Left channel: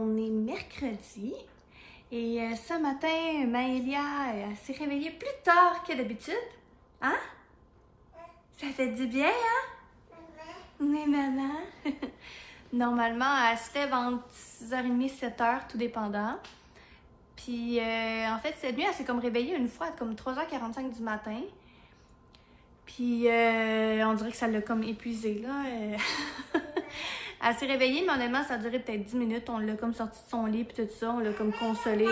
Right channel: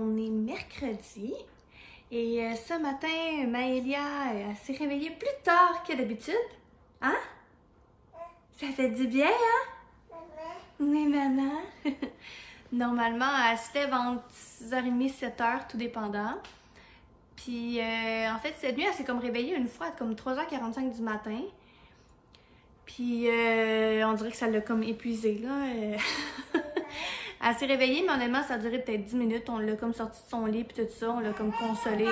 on est mercredi et ce matin, Maëlia s'est réveillée plus tard que d'habitude. Hein? Ça fait du bien, hein? Mais maman. Normalement, elle se lève entre 6h30 7h, tout dépendant. Puis, en fait, cette nuit, elle s'est comme réveillée une fois, comme 3h45 du matin. Puis, on dirait que ça l'a comme épuisée, là. Elle s'est réveillée, mais honnêtement, ça a duré peut-être 10 minutes. On l'a comme sorti de son lit, puis tout ça. On l'a comme consolée.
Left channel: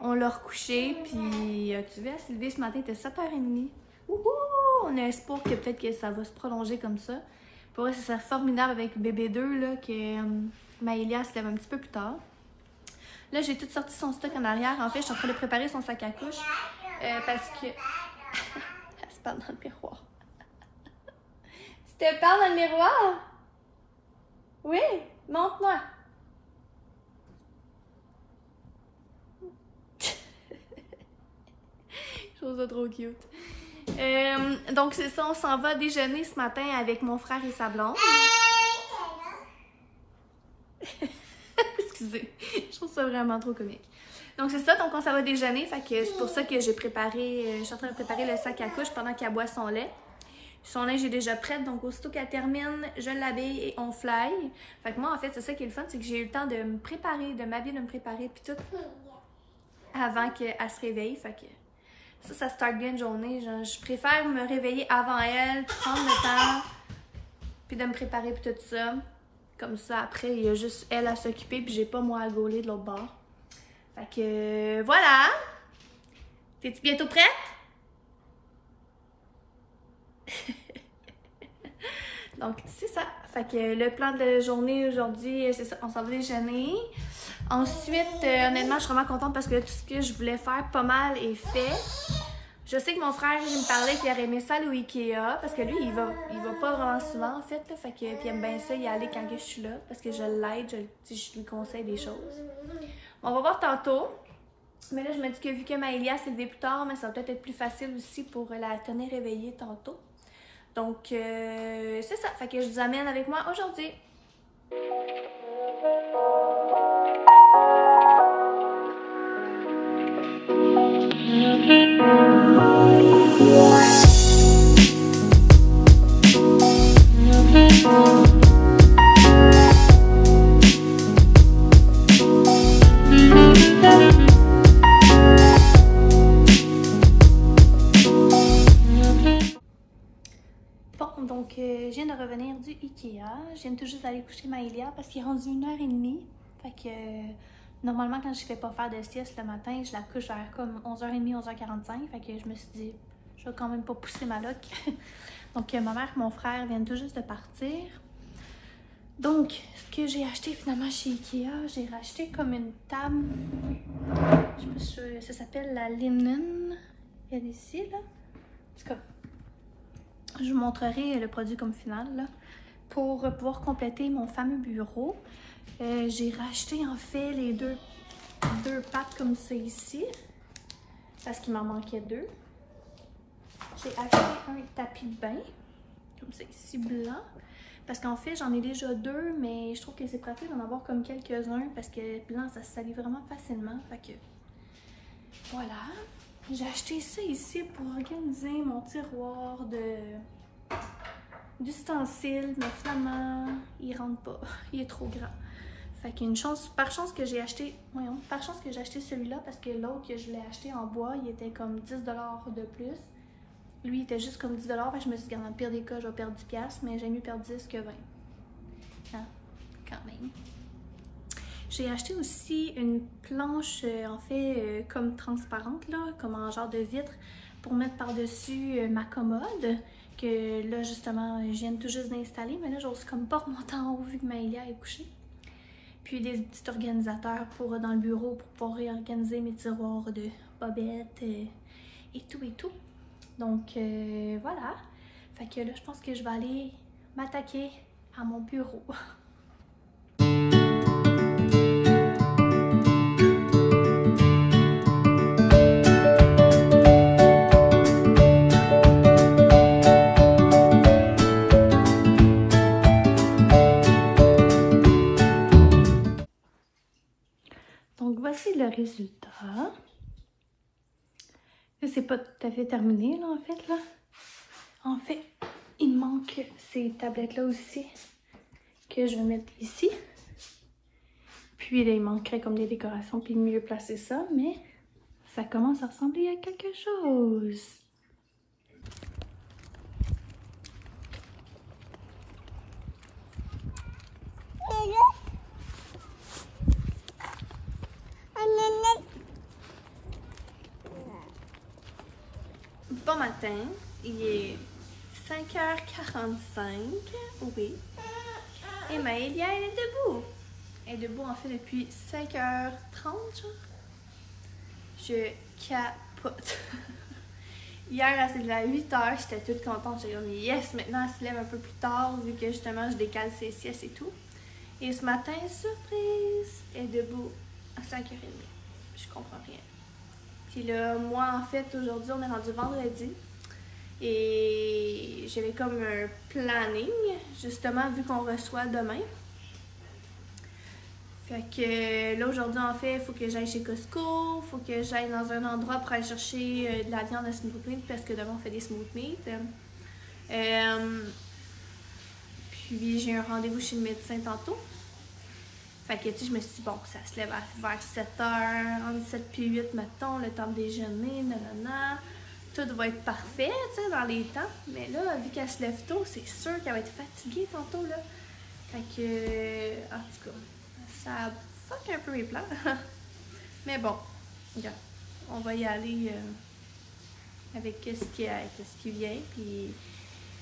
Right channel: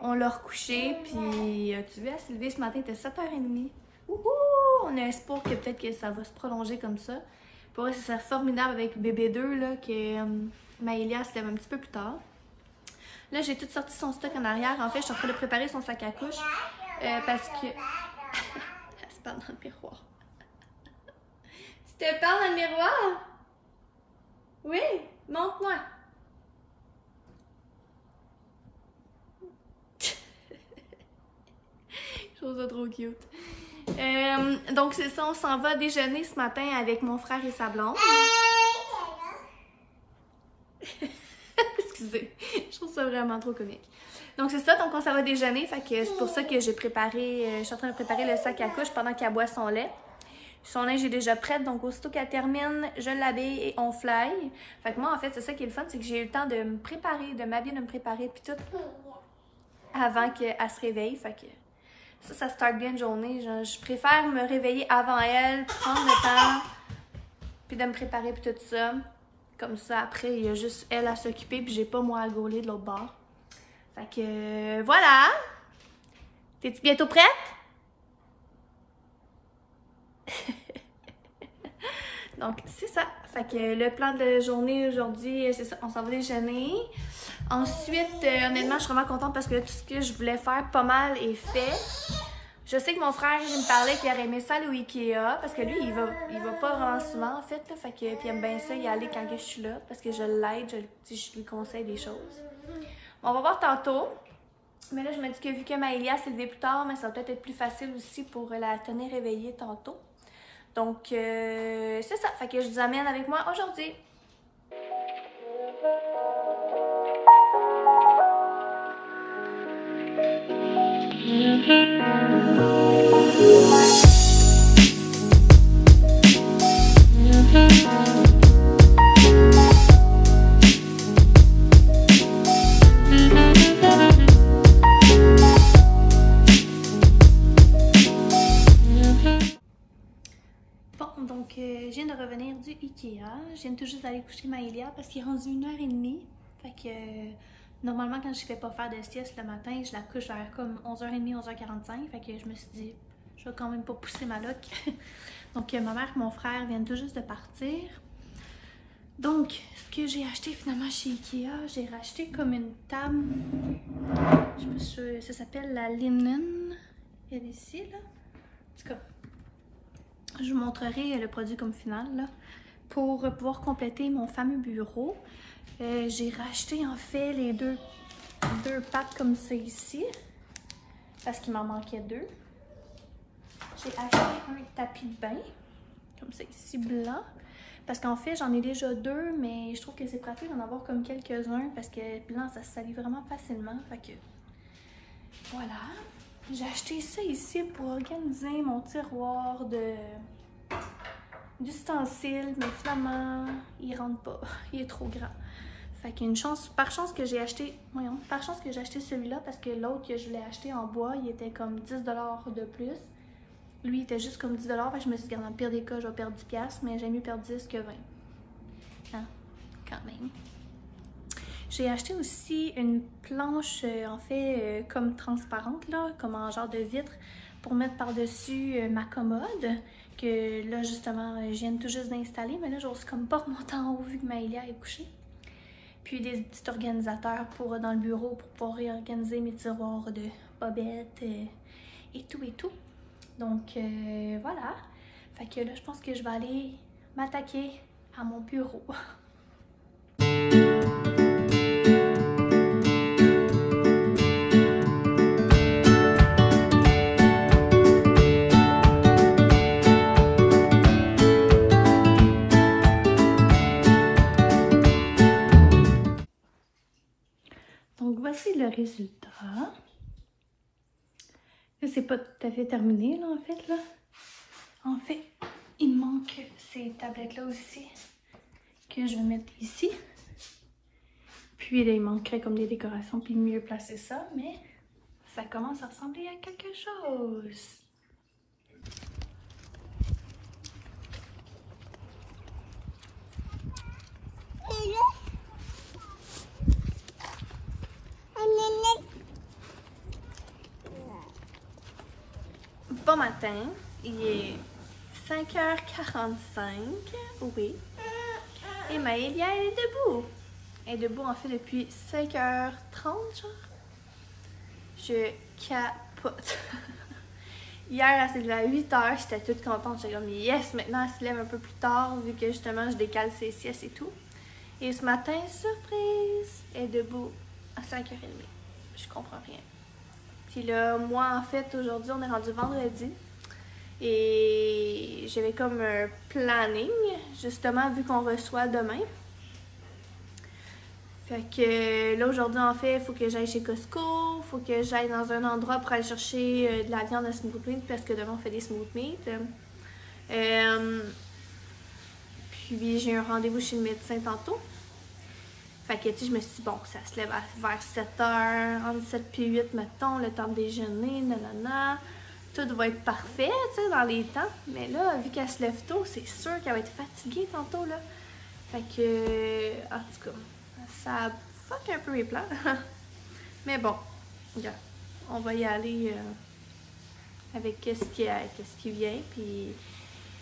On l'a recouchée, puis tu vois, elle s'est levée ce matin, il était 7h30. Wouhou! On a espoir que peut-être que ça va se prolonger comme ça. Pour elle, c'est formidable avec bébé 2, là, que Maëlia se lève un petit peu plus tard. Là, j'ai tout sorti son stock en arrière. En fait, je suis en train de préparer son sac à couche parce que... Elle se parle dans le miroir. Tu te parles dans le miroir? Oui? Montre-moi. Je trouve ça trop cute. Donc, c'est ça, on s'en va déjeuner ce matin avec mon frère et sa blonde. Excusez, je trouve ça vraiment trop comique. Donc, c'est ça, donc on s'en va déjeuner. Fait que c'est pour ça que j'ai préparé, je suis en train de préparer le sac à couche pendant qu'elle boit son lait. Son linge est déjà prête, donc aussitôt qu'elle termine, je l'habille et on fly. Fait que moi, en fait, c'est ça qui est le fun, c'est que j'ai eu le temps de me préparer, de m'habiller, de me préparer, puis tout, avant qu'elle se réveille. Fait que ça start bien une journée. Genre, je préfère me réveiller avant elle, prendre le temps, puis de me préparer, puis tout ça. Comme ça, après, il y a juste elle à s'occuper, puis j'ai pas moi à gauler de l'autre bord. Fait que, voilà! T'es-tu bientôt prête? Donc, c'est ça. Fait que le plan de journée aujourd'hui, c'est ça. On s'en va déjeuner. Ensuite, honnêtement, je suis vraiment contente parce que tout ce que je voulais faire, pas mal, est fait. Je sais que mon frère, il me parlait qu'il aurait aimé ça aller au Ikea. Parce que lui, il va pas vraiment souvent, en fait. Là, fait que, puis il aime bien ça y aller quand je suis là. Parce que je l'aide, je lui conseille des choses. Bon, on va voir tantôt. Mais là, je me dis que vu que Maëlia s'est levée plus tard, mais ça va peut-être être plus facile aussi pour la tenir réveillée tantôt. Donc, c'est ça. Fait que je vous amène avec moi aujourd'hui. Je viens de revenir du Ikea. Je viens tout juste d'aller coucher Maëlia parce qu'il est rendu 1h30. Fait que normalement, quand je fais pas faire de sieste le matin, je la couche vers comme 11h30, 11h45. Fait que je me suis dit, je vais quand même pas pousser ma loc. Donc, ma mère et mon frère viennent tout juste de partir. Donc, ce que j'ai acheté finalement chez Ikea, j'ai racheté comme une table. Je sais pas si ça s'appelle la Linen. Il y a ici, là. En tout cas, je vous montrerai le produit comme final là, pour pouvoir compléter mon fameux bureau. J'ai racheté en fait les deux pattes comme ça ici parce qu'il m'en manquait deux. J'ai acheté un tapis de bain comme ça ici blanc parce qu'en fait j'en ai déjà deux, mais je trouve que c'est pratique d'en avoir comme quelques-uns parce que blanc ça se salit vraiment facilement. Fait que voilà. J'ai acheté ça ici pour organiser mon tiroir d'ustensiles, mais finalement, il rentre pas. Il est trop grand. Fait qu'il y a une chance, par chance que j'ai acheté, voyons, par chance que j'ai acheté celui-là parce que l'autre que je voulais acheter en bois, il était comme 10 $ de plus. Lui, il était juste comme 10 $. Fait que je me suis dit, dans le pire des cas, je vais perdre 10 $, mais j'aime mieux perdre 10 que 20. Hein? Quand même. J'ai acheté aussi une planche, en fait, comme transparente, là, comme en genre de vitre, pour mettre par-dessus ma commode, que là, justement, je viens tout juste d'installer, mais là, j'ose comme pas remonter en haut vu que Maëlia est couchée. Puis des petits organisateurs pour dans le bureau pour pouvoir réorganiser mes tiroirs de bobettes et tout et tout. Donc, voilà. Fait que là, je pense que je vais aller m'attaquer à mon bureau. voici le résultat. Là, c'est pas tout à fait terminé, là, en fait, là. En fait, il manque ces tablettes-là aussi, que je vais mettre ici. Puis là, il manquerait comme des décorations, puis mieux placer ça, mais ça commence à ressembler à quelque chose. Bon matin, il est 5h45, oui. Et Maëlia, elle est debout. Elle est debout en fait depuis 5h30, genre. Je capote. Hier, elle s'est levée à 8h, j'étais toute contente. J'étais comme yes, maintenant elle se lève un peu plus tard, vu que justement je décale ses siestes et tout. Et ce matin, surprise, elle est debout à 5h30. Je comprends rien. Puis là, moi, en fait, aujourd'hui, on est rendu vendredi. Et j'avais comme un planning, justement, vu qu'on reçoit demain. Fait que là, aujourd'hui, en fait, il faut que j'aille chez Costco. Il faut que j'aille dans un endroit pour aller chercher de la viande à smooth meat, parce que demain, on fait des smooth meat. Puis, j'ai un rendez-vous chez le médecin tantôt. Fait que, tu sais, je me suis dit, bon, ça se lève vers 7h, entre 7 et 8, mettons, le temps de déjeuner, nanana. Tout va être parfait, tu sais, dans les temps. Mais là, vu qu'elle se lève tôt, c'est sûr qu'elle va être fatiguée tantôt, là. Fait que, en tout cas, ça fuck un peu mes plans. Mais bon, regarde, on va y aller avec ce qui vient. Puis,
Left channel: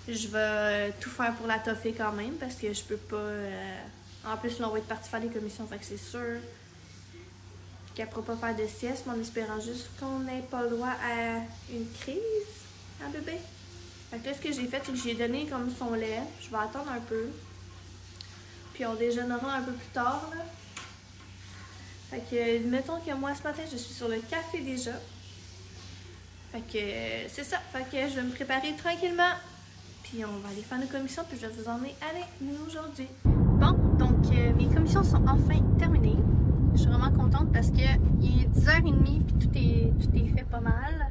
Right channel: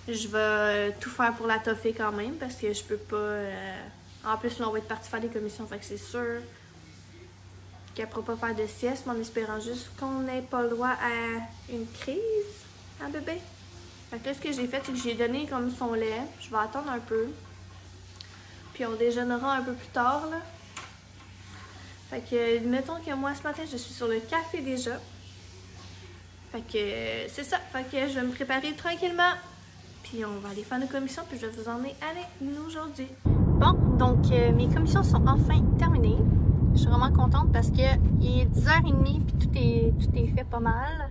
je vais tout faire pour la toffer quand même, parce que je peux pas... En plus, là, on va être parti faire des commissions, fait que c'est sûr qu'elle ne pourra pas faire de sieste, mais en espérant juste qu'on n'ait pas le droit à une crise à bébé. Fait que là, ce que j'ai fait, c'est que j'ai donné comme son lait. Je vais attendre un peu. Puis on déjeunera un peu plus tard, là. Fait que, mettons que moi, ce matin, je suis sur le café déjà. Fait que, c'est ça. Fait que je vais me préparer tranquillement. Puis on va aller faire nos commissions, puis je vais vous emmener avec nous aujourd'hui. Bon, donc mes commissions sont enfin terminées. Je suis vraiment contente parce que il est 10h30 puis tout est fait pas mal.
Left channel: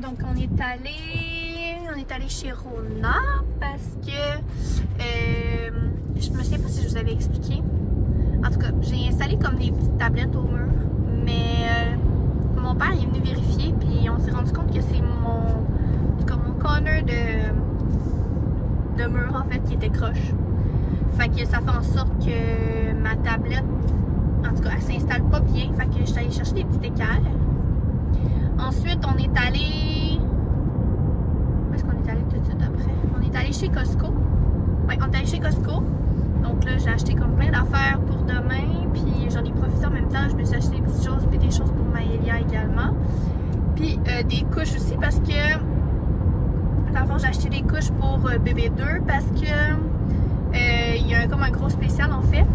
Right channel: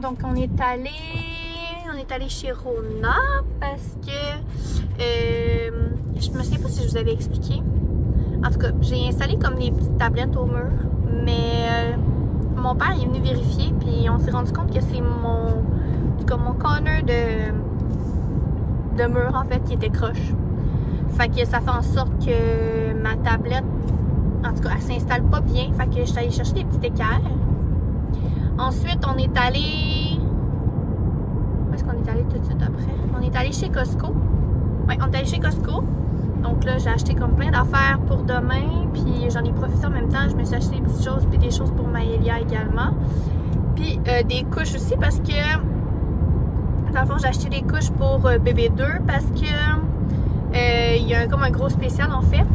Donc on est allé chez Rona parce que je me souviens pas si je vous avais expliqué. En tout cas, j'ai installé comme des petites tablettes au mur, mais mon père est venu vérifier puis on s'est rendu compte que c'est mon corner de mur en fait qui était croche. Fait que ça fait en sorte que ma tablette, en tout cas, elle s'installe pas bien. Fait que je suis allée chercher des petits équerres. Ensuite, on est allé... Où est-ce qu'on est allé tout de suite après? On est allé chez Costco. Oui, on est allé chez Costco. Donc là, j'ai acheté comme plein d'affaires pour demain. Puis j'en ai profité en même temps. Je me suis acheté des petites choses puis des choses pour Maëlia également. Puis des couches aussi parce que... Dans le fond, j'ai acheté des couches pour bébé 2 parce que il y a comme un gros spécial en fait.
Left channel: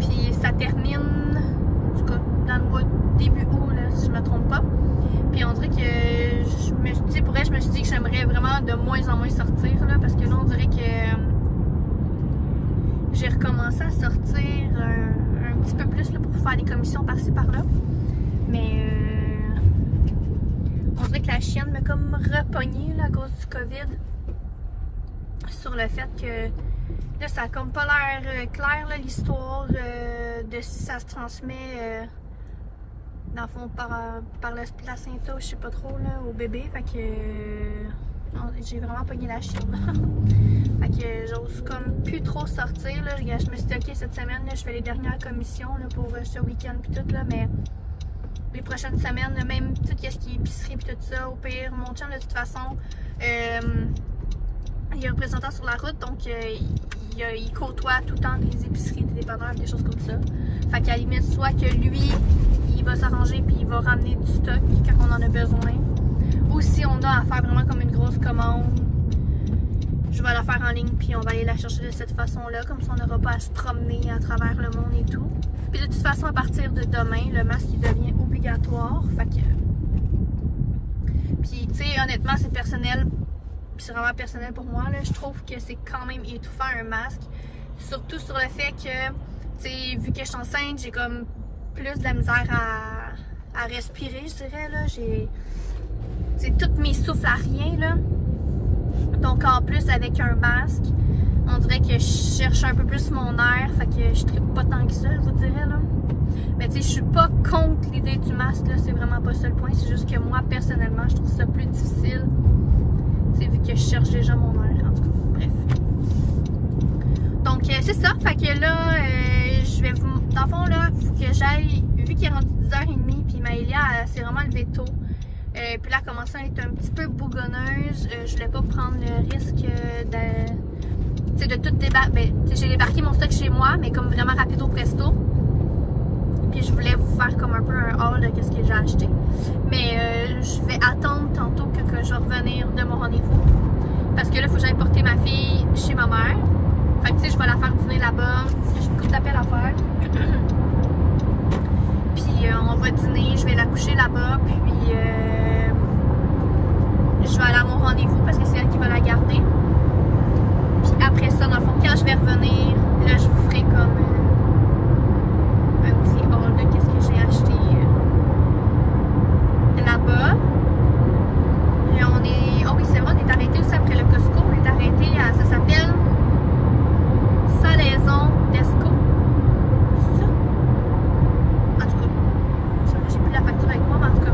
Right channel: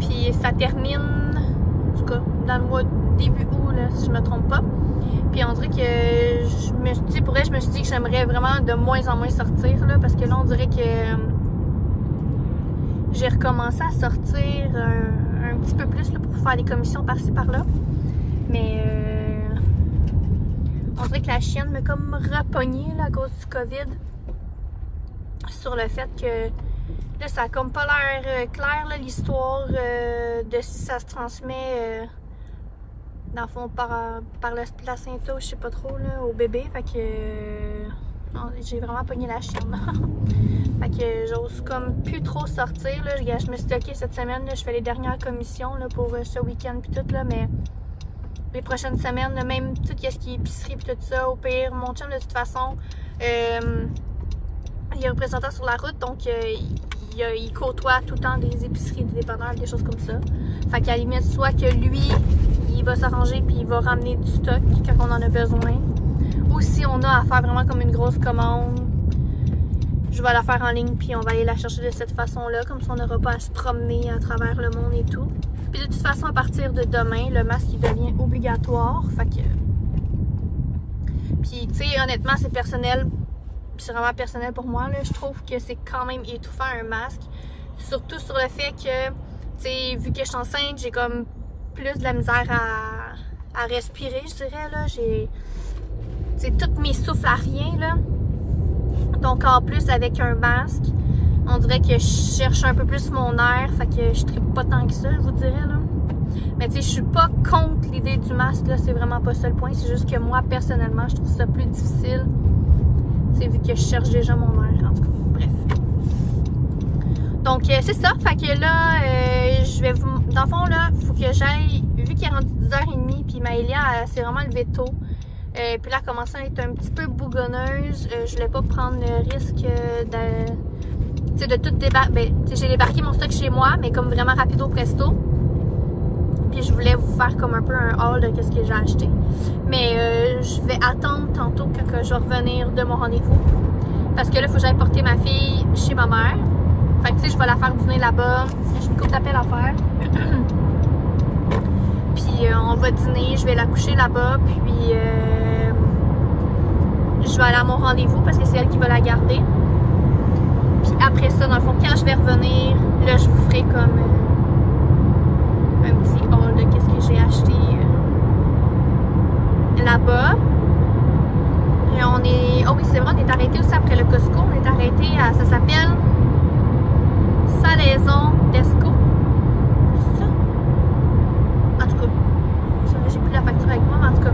Puis ça termine, en tout cas, dans le mois début août, là, si je me trompe pas. Puis on dirait que je me suis dit, pour elle, je me suis dit que j'aimerais vraiment de moins en moins sortir là, parce que là, on dirait que j'ai recommencé à sortir un petit peu plus là, pour faire des commissions par-ci par-là. Mais on dirait que la chienne m'a comme repogné là, à cause du COVID sur le fait que là, ça a comme pas l'air clair l'histoire de si ça se transmet dans le fond par le placenta ou je sais pas trop là, au bébé. Fait que j'ai vraiment pogné la chienne. Fait que j'ose comme plus trop sortir là. Je me suis dit ok, cette semaine là, je fais les dernières commissions là, pour ce week-end puis tout là, mais les prochaines semaines, même tout ce qui est épicerie puis tout ça, au pire, mon chum de toute façon, il est représentant sur la route, donc il côtoie tout le temps des épiceries, des dépanneurs, des choses comme ça. Fait qu'à la limite, soit que lui, il va s'arranger puis il va ramener du stock quand on en a besoin, ou si on a à faire vraiment comme une grosse commande, je vais la faire en ligne puis on va aller la chercher de cette façon-là, comme ça on n'aura pas à se promener à travers le monde et tout. Puis de toute façon, à partir de demain, le masque il devient obligatoire. Fait que... Puis, tu sais, honnêtement, c'est personnel. C'est vraiment personnel pour moi. Là. Je trouve que c'est quand même étouffant un masque. Surtout sur le fait que, tu sais, vu que je suis enceinte, j'ai comme plus de la misère à respirer, je dirais, là. J'ai, tu sais, toutes mes souffles à rien, là. Donc, en plus, avec un masque, on dirait que je cherche un peu plus mon air, fait que je trippe pas tant que ça, je vous dirais, là. Mais tu sais, je suis pas contre l'idée du masque, là, c'est vraiment pas ça le point. C'est juste que moi, personnellement, je trouve ça plus difficile. Tu sais, vu que je cherche déjà mon air, en tout cas. Bref. Donc, c'est ça. Fait que là, je vais vous... Dans le fond, là, il faut que j'aille... Vu qu'il est rendu 10h30, puis Maëlia, elle s'est vraiment levée tôt. Puis là, elle commence à être un petit peu bougonneuse. Je voulais pas prendre le risque de tout débarquer. Ben, j'ai débarqué mon stock chez moi, mais comme vraiment rapido presto. Puis je voulais vous faire comme un peu un haul de qu'est-ce que j'ai acheté. Mais je vais attendre tantôt que je vais revenir de mon rendez-vous. Parce que là, il faut que j'aille porter ma fille chez ma mère. Fait que tu sais, je vais la faire dîner là-bas. J'ai une couple d'appels à faire. Puis on va dîner, je vais la coucher là-bas. Puis je vais aller à mon rendez-vous parce que c'est elle qui va la garder. Puis après ça, dans le fond, quand je vais revenir, là, je vous ferai comme un petit haul de qu'est-ce que j'ai acheté là-bas. Et on est... Oh oui, c'est vrai, on est arrêté aussi après le Costco. On est arrêté à... Ça s'appelle Salaison Desco. C'est ça? En tout cas, j'ai plus la facture avec moi, mais en tout cas,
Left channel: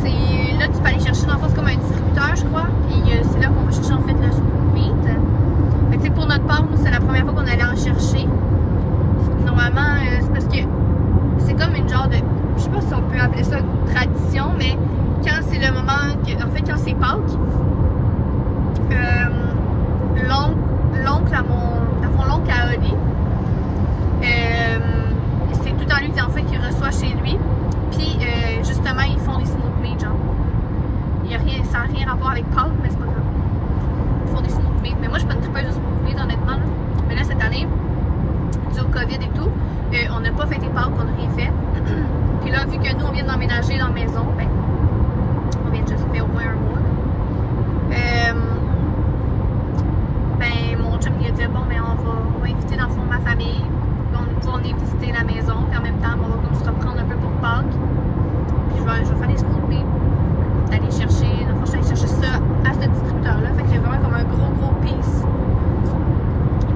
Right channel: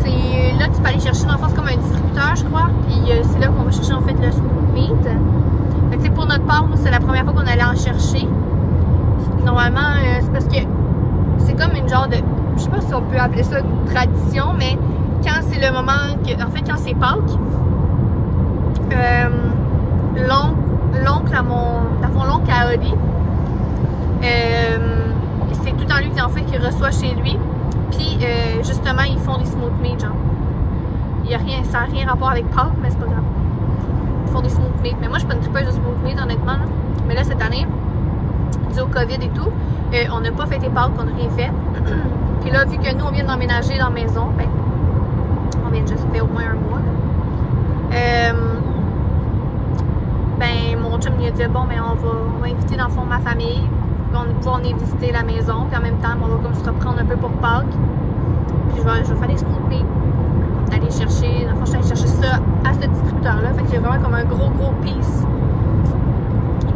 c'est... Là, tu peux aller chercher, dans le fond, c'est comme un distributeur, je crois. Puis c'est là qu'on va chercher, en fait, le smooth meat. Fait que, tu sais, pour notre part, nous, c'est la première fois qu'on allait en chercher. Normalement, c'est parce que c'est comme une genre de... Je sais pas si on peut appeler ça tradition, mais quand c'est le moment... En fait, quand c'est Pâques, l'oncle à l'oncle à Oli, c'est tout le temps lui en fait qui reçoit chez lui. Puis, justement, ils font des smooth meat, genre. Il y a rien, ça n'a rien rapport avec Pâques, mais c'est pas grave. Ils font des smooth meat. Mais moi, je suis pas une tripeuse de smooth meat, honnêtement. Là. Mais là, cette année, dû au COVID et tout, on n'a pas fêté Pâques, on n'a rien fait. Puis là, vu que nous, on vient d'emménager dans la maison, ben, on vient de juste faire au moins un mois. Ben, mon chum lui a dit, bon, mais on va inviter dans le fond ma famille. On va pouvoir venir visiter la maison. Puis en même temps, on va comme se reprendre un peu pour Pâques. Puis je vais faire des smooth meat. D'aller chercher, dans le fond, je suis allée chercher ça à ce distributeur-là. Fait qu'il y a vraiment comme un gros piece.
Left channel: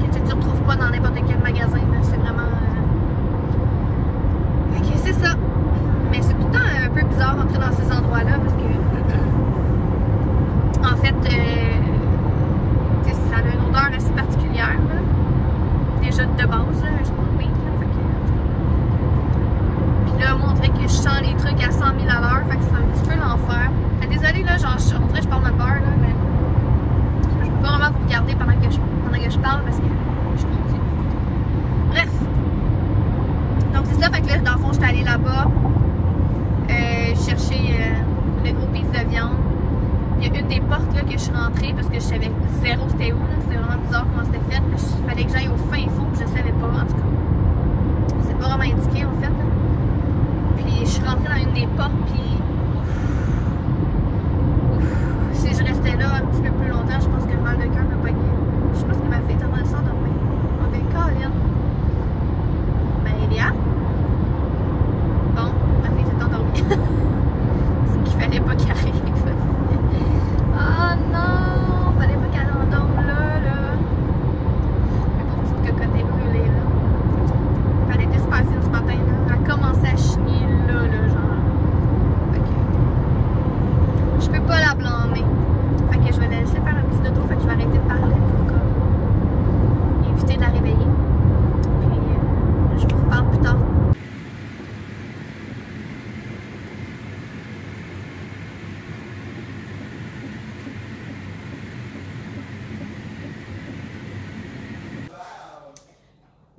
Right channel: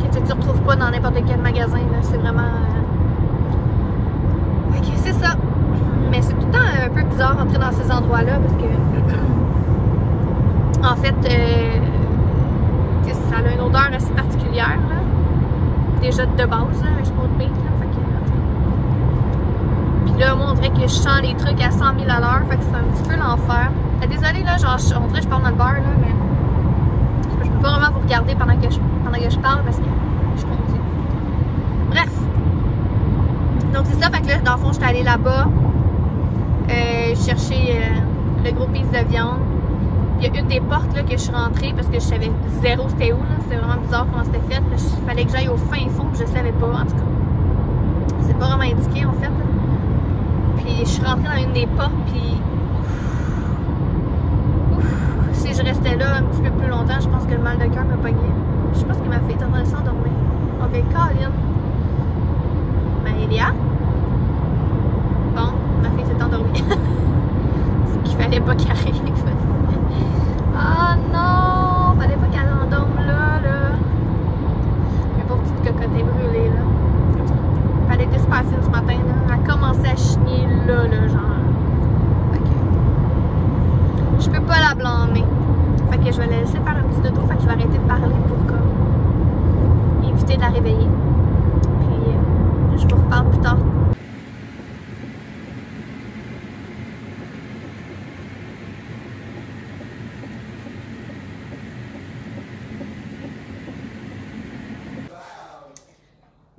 Que tu ne retrouves pas dans n'importe quel magasin. C'est vraiment... Fait que c'est ça. Mais c'est tout le temps un peu bizarre rentrer dans ces endroits-là parce que... en fait, ça a une odeur assez particulière, là. Déjà de base, là, un smooth meat, là. Fait que... Puis là, moi, on dirait que je sens les trucs à 100 000 à l'heure. Fait que c'est un petit peu l'enfer. Désolée, là, genre, on dirait que je parle dans le beurre, là, mais... Je peux pas vraiment vous regarder pendant que je parle parce que je conduis. Bref. Donc c'est ça, fait que là, dans le fond, j'étais allée là-bas chercher le gros piece de viande. Il y a une des portes là que je suis rentrée parce que je savais zéro c'était où, là. C'était vraiment bizarre comment c'était fait. Il fallait que j'aille au fin fond, puis je savais pas, en tout cas. C'est pas vraiment indiqué, en fait, là. Puis je suis rentrée dans une des portes, puis... Si je restais là un petit peu plus longtemps, je pense que le mal de cœur me pognait. Je sais pas ce que ma fille est en train de s'endormir. On va Colin. Maëlia. Bon, ma fille s'est endormie. C'est qu'il fallait pas qu'elle arrive. Oh non! Fallait pas qu'elle endorme là. Ma pauvre petite cocotte est brûlée là. Elle était super fine ce matin là. Elle a commencé à chigner là, genre. Fait que... Je peux pas la blâmer. Fait que je vais la laisser faire un petit dodo. Fait que je vais arrêter de parler pour comme éviter de la réveiller. Puis je vous reparle plus tard.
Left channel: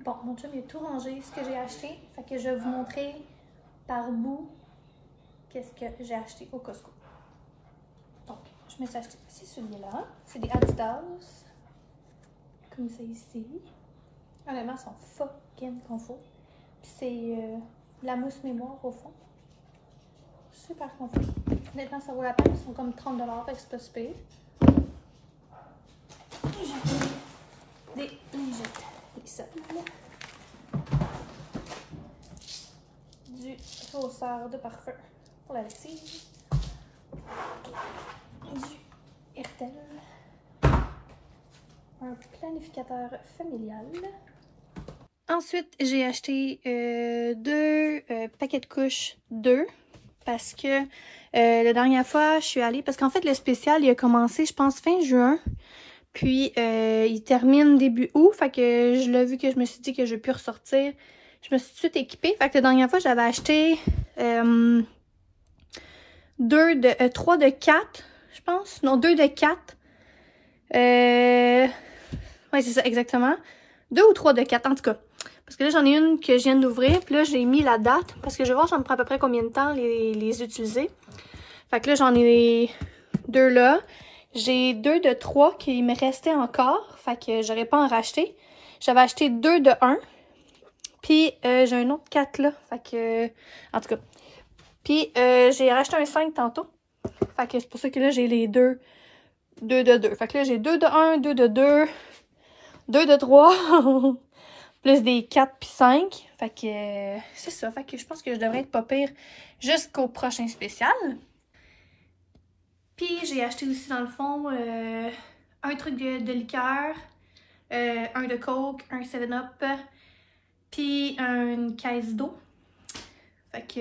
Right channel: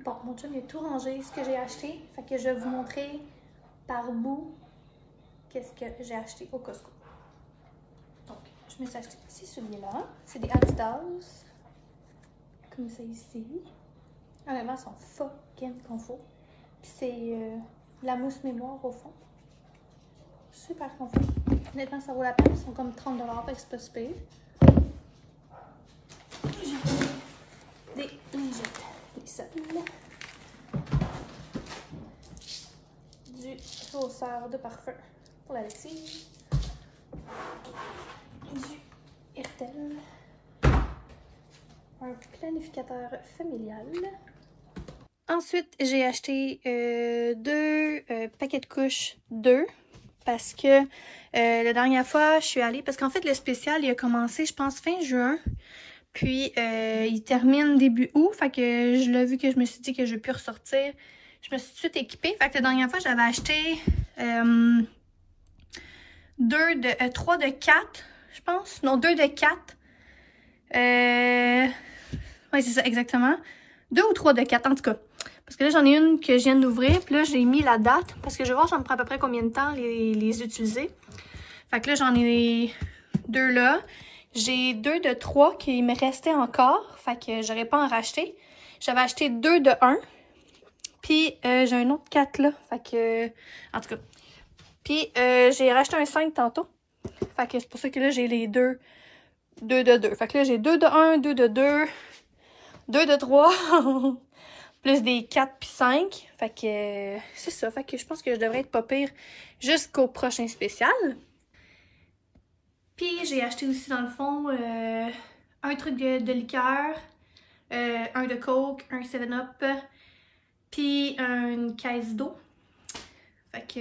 Bon, mon chum il a tout rangé ce que j'ai acheté. Fait que je vais vous montrer par bout qu'est-ce que j'ai acheté au Costco. Donc, je me suis acheté c'est celui-là. C'est des Adidas. Comme ça ici. Honnêtement, ils sont fucking confort. Puis c'est la mousse mémoire au fond. Super confort. Honnêtement, ça vaut la peine. Ils sont comme 30 $. Fait que c'est pas super. Des lingettes. Des sols. sert de parfum pour la lessive. Du Hertel. Un planificateur familial. Ensuite, j'ai acheté deux paquets de couches 2 parce que la dernière fois, je suis allée... Parce qu'en fait, le spécial, il a commencé, je pense, fin juin. Puis, il termine début août. Fait que je l'ai vu que je me suis dit que je peux ressortir. Je me suis tout de suite équipée. Fait que la dernière fois, j'avais acheté 3 de 4, je pense. Non, 2 de 4. Ouais, c'est ça, exactement. 2 ou 3 de 4, en tout cas. Parce que là, j'en ai une que je viens d'ouvrir. Puis là, j'ai mis la date. Parce que je vais voir ça me prend à peu près combien de temps les utiliser. Fait que là, j'en ai 2 là. J'ai 2 de 3 qui me restaient encore. Fait que j'aurais pas en racheter. J'avais acheté 2 de 1. Puis j'ai un autre 4 là. Fait que... En tout cas. Puis j'ai racheté un 5 tantôt. Fait que c'est pour ça que là, j'ai les 2 de 2. Fait que là, j'ai 2 de 1, 2 de 2, 2 de 3. Plus des 4 puis 5. Fait que c'est ça. Fait que je pense que je devrais être pas pire jusqu'au prochain spécial. Puis j'ai acheté aussi dans le fond un truc de liqueur, un de Coke, un 7-Up, puis une caisse d'eau. Fait que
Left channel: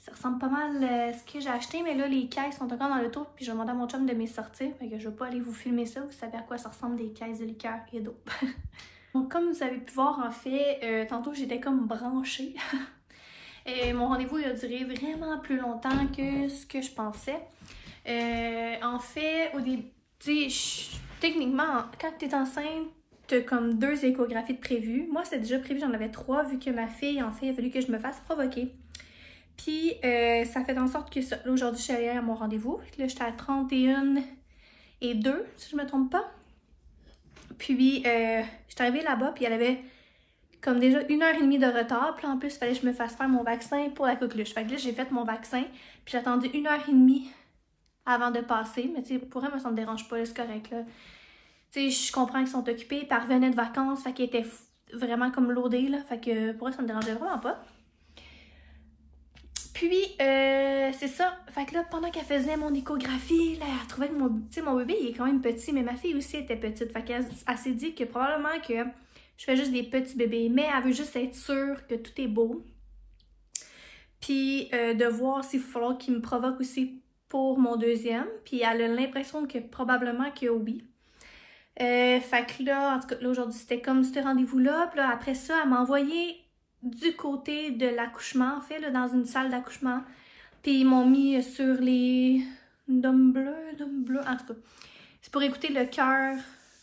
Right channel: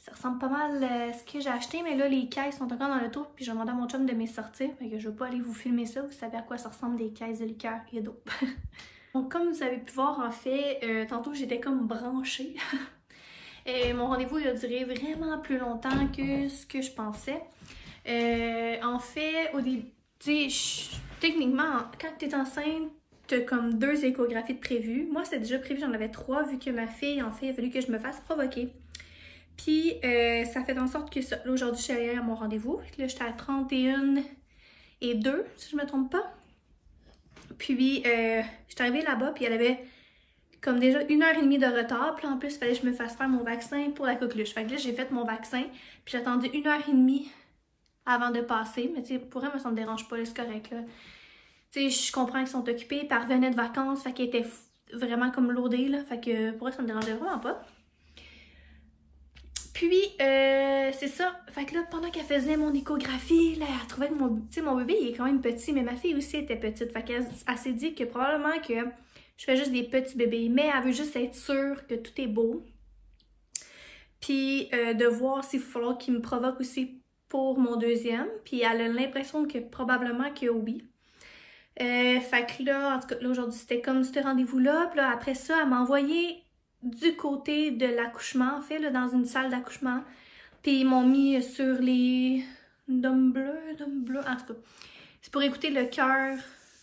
ça ressemble pas mal à ce que j'ai acheté, mais là les caisses sont encore dans le tour, puis je vais demander à mon chum de me sortir. Fait que je vais pas aller vous filmer ça, vous savez à quoi ça ressemble des caisses de liqueur et d'eau. Donc comme vous avez pu voir en fait, tantôt j'étais comme branchée. Et mon rendez-vous il a duré vraiment plus longtemps que ce que je pensais. En fait, au début, techniquement, quand tu es enceinte, tu as comme 2 échographies de prévues. Moi, c'était déjà prévu, j'en avais 3 vu que ma fille, en fait, il a fallu que je me fasse provoquer. Puis, ça fait en sorte que aujourd'hui, je suis allée à mon rendez-vous. Là, j'étais à 31 et 2, si je ne me trompe pas. Puis, je suis arrivée là-bas, puis elle avait comme déjà 1h30 de retard. Puis en plus, il fallait que je me fasse faire mon vaccin pour la coqueluche. Fait que là, j'ai fait mon vaccin, puis j'ai attendu 1h30 avant de passer. Mais tu sais, pour elle, ça me dérange pas, c'est correct, là. Tu sais, je comprends qu'ils sont occupés, puis elle revenait de vacances, fait qu'elle était vraiment comme lourdée, là. Fait que pour elle, ça me dérangeait vraiment pas. Puis, c'est ça. Fait que là, pendant qu'elle faisait mon échographie, là, elle trouvait que mon bébé, il est quand même petit, mais ma fille aussi était petite. Fait qu'elle s'est dit que probablement que je fais juste des petits bébés, mais elle veut juste être sûre que tout est beau. Puis, de voir s'il va falloir qu'il me provoque aussi pour mon deuxième. Puis, elle a l'impression que probablement que oui. Fait que là, en tout cas, là, aujourd'hui, c'était comme ce rendez-vous-là. Puis là, après ça, elle m'a envoyé du côté de l'accouchement, en fait, là, dans une salle d'accouchement. Puis ils m'ont mis sur les dômes bleus, en tout cas. C'est pour écouter le cœur,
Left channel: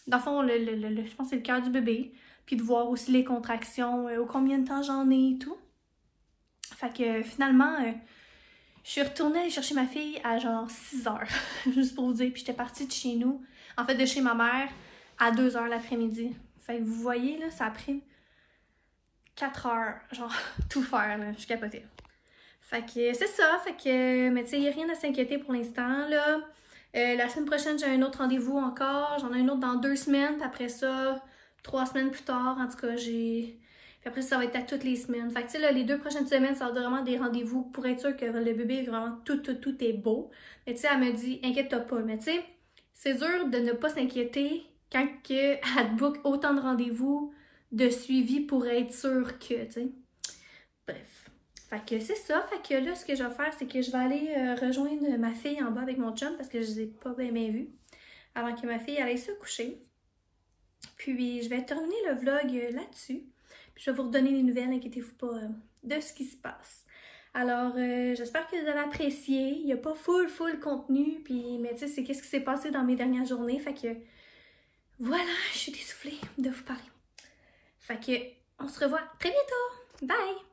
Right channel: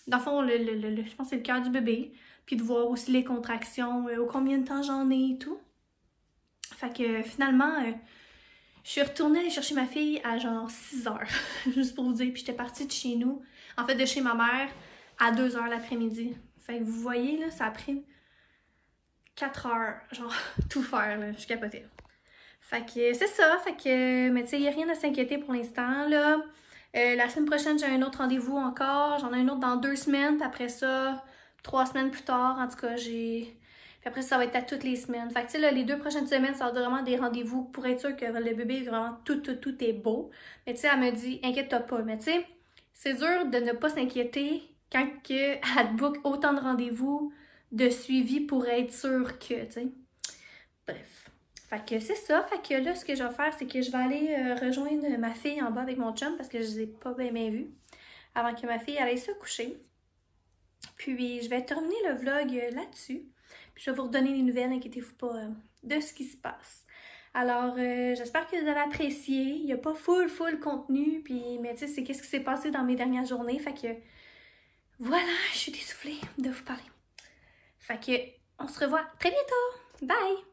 dans le fond, je pense que c'est le cœur du bébé. Puis de voir aussi les contractions, combien de temps j'en ai et tout. Fait que finalement, je suis retournée aller chercher ma fille à genre 6 h, juste pour vous dire. Puis j'étais partie de chez nous, en fait de chez ma mère, à 2 h l'après-midi. Fait que vous voyez, là, ça a pris 4 heures, genre, tout faire, là, je capotais. Fait que c'est ça, fait que, mais tu sais, il n'y a rien à s'inquiéter pour l'instant, là. La semaine prochaine, j'ai un autre rendez-vous encore, j'en ai un autre dans 2 semaines, puis après ça, 3 semaines plus tard, en tout cas, puis après ça va être à toutes les semaines. Fait que tu sais, là, les 2 prochaines semaines, ça va être vraiment des rendez-vous pour être sûr que le bébé, vraiment, tout est beau. Mais tu sais, elle me dit, inquiète-toi pas, mais tu sais, c'est dur de ne pas s'inquiéter quand elle te book autant de rendez-vous de suivi pour être sûr que, tu sais. Bref. Fait que c'est ça. Fait que là, ce que je vais faire, c'est que je vais aller rejoindre ma fille en bas avec mon chum parce que je les ai pas bien vus avant que ma fille aille se coucher. Puis, je vais terminer le vlog là-dessus. Puis, je vais vous redonner les nouvelles, inquiétez-vous pas, de ce qui se passe. Alors, j'espère que vous avez apprécié. Il n'y a pas full contenu. Puis, mais tu sais, c'est qu'est-ce qui s'est passé dans mes dernières journées. Fait que, voilà, je suis essoufflée de vous parler. Fait que, on se revoit très bientôt. Bye!